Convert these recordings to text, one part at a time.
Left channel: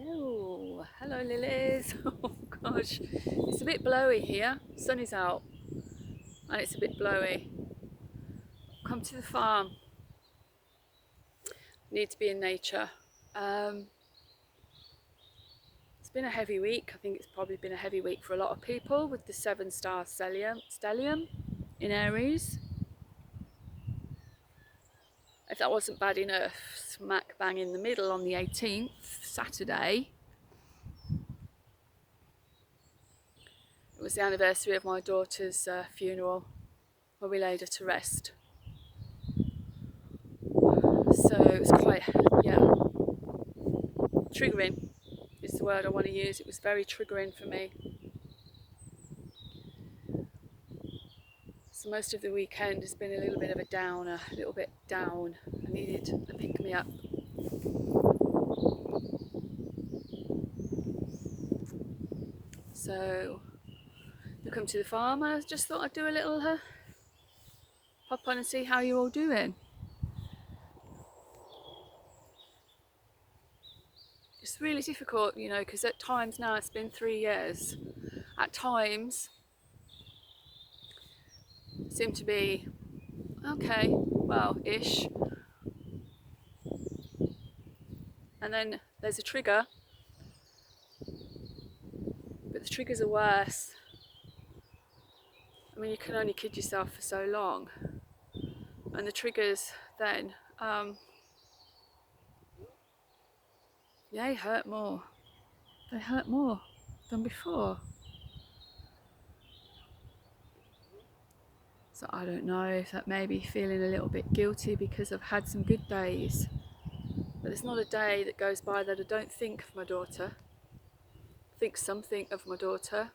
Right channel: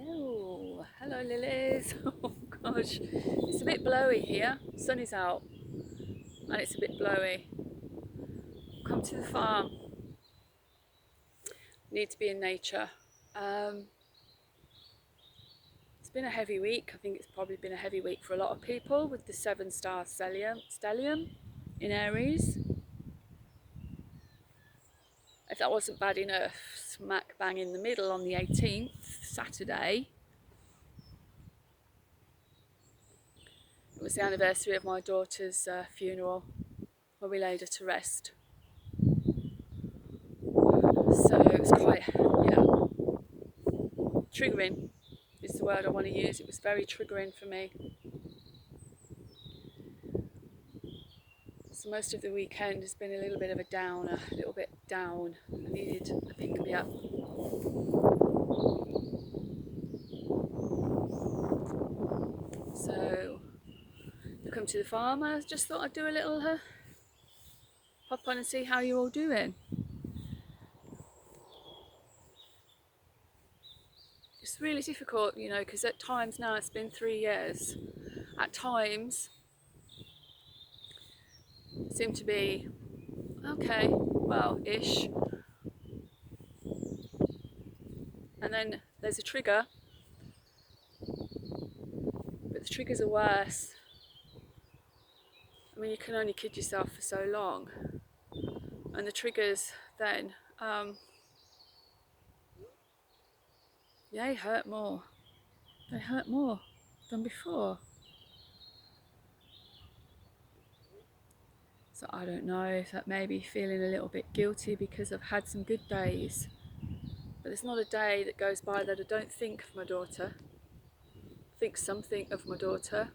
Yo, hello lilies. Oh gosh, it's a bit blowy here. Sun is out and it's a bit blowy. Come to the farm. Need to be in nature. It's been a heavy week. I think it's probably been a heavy week for a lot of people with the 7-star stellium in Aries. If that wasn't bad enough, smack bang in the middle on the 18th, Saturday, it was the anniversary of my daughter's funeral, where we laid her to rest. So it was quite, triggering is the word I want to use. It was very triggering for me. So most of the weekend has been a little bit of a downer, a little bit down. I needed a pick me up. So you come to the farm. I just thought I'd do a little pop on and see how you're all doing. It's really difficult, because at times now it's been 3 years. At times seem to be okay, well, ish. And then there's a trigger, but the triggers are worse. I mean, you can only kid yourself for so long. And the triggers then, they hurt more. They hurt more than before. So I don't know if that may be feeling a little bit guilty because I've had some good days. But there's not a day that goes by that I don't think of my daughter. Think something of my daughter.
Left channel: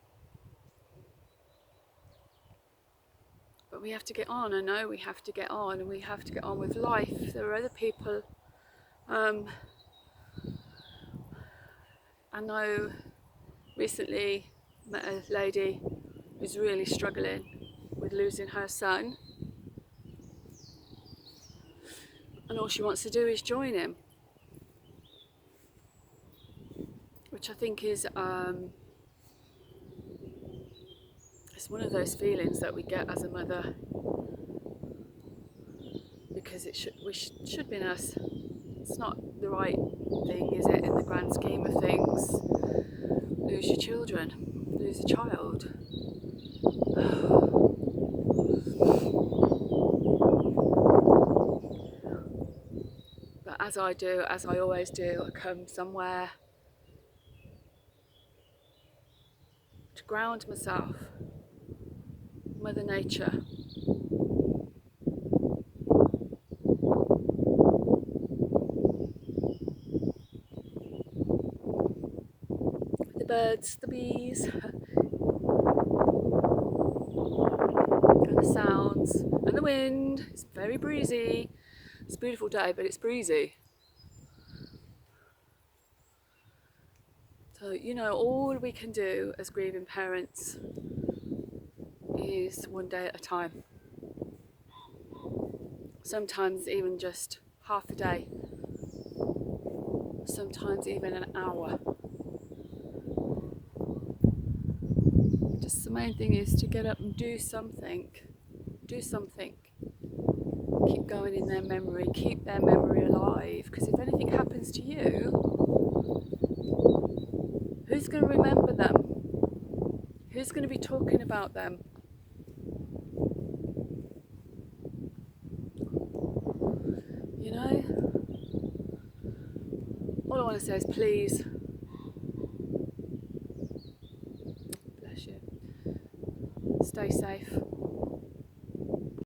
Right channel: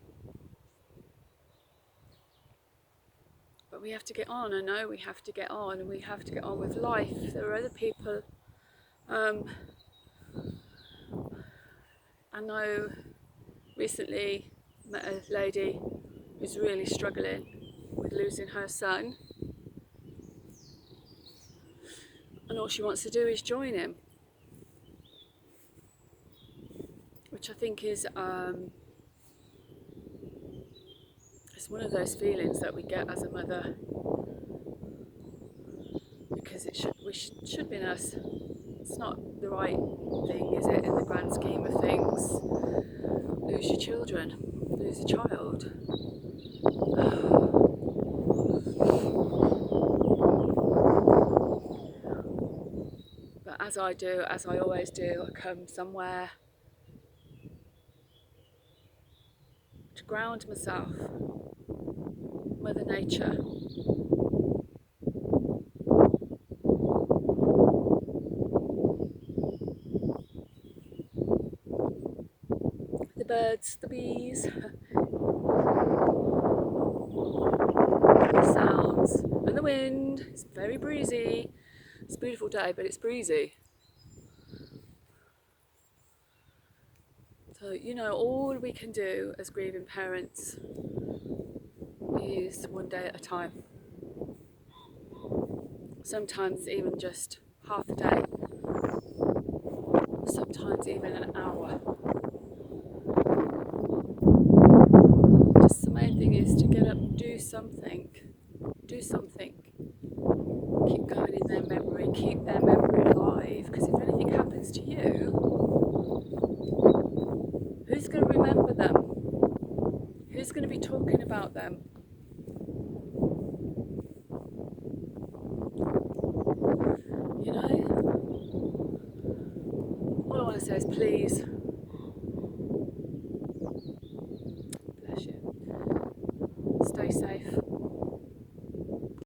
But we have to get on. I know we have to get on, and we have to get on with life. There are other people. I know recently met a lady who's really struggling with losing her son, and all she wants to do is join him, which I think is it's one of those feelings that we get as a mother, because it should be us. It's not the right thing, is it, in the grand scheme of things? Lose your children, lose a child. But as I always do, I come somewhere to ground myself. Mother Nature. The birds, the bees, the sounds, and the wind. It's very breezy. It's a beautiful day, but it's breezy. So, all we can do as grieving parents is one day at a time. Sometimes even just half a day. Sometimes even an hour. Just the main thing is to get up and do something. Do something. Keep going in their memory. Keep their memory alive. Because if anything happens to you, who's going to remember them? Who's going to be talking about them? All I want to say is please, bless you, stay safe.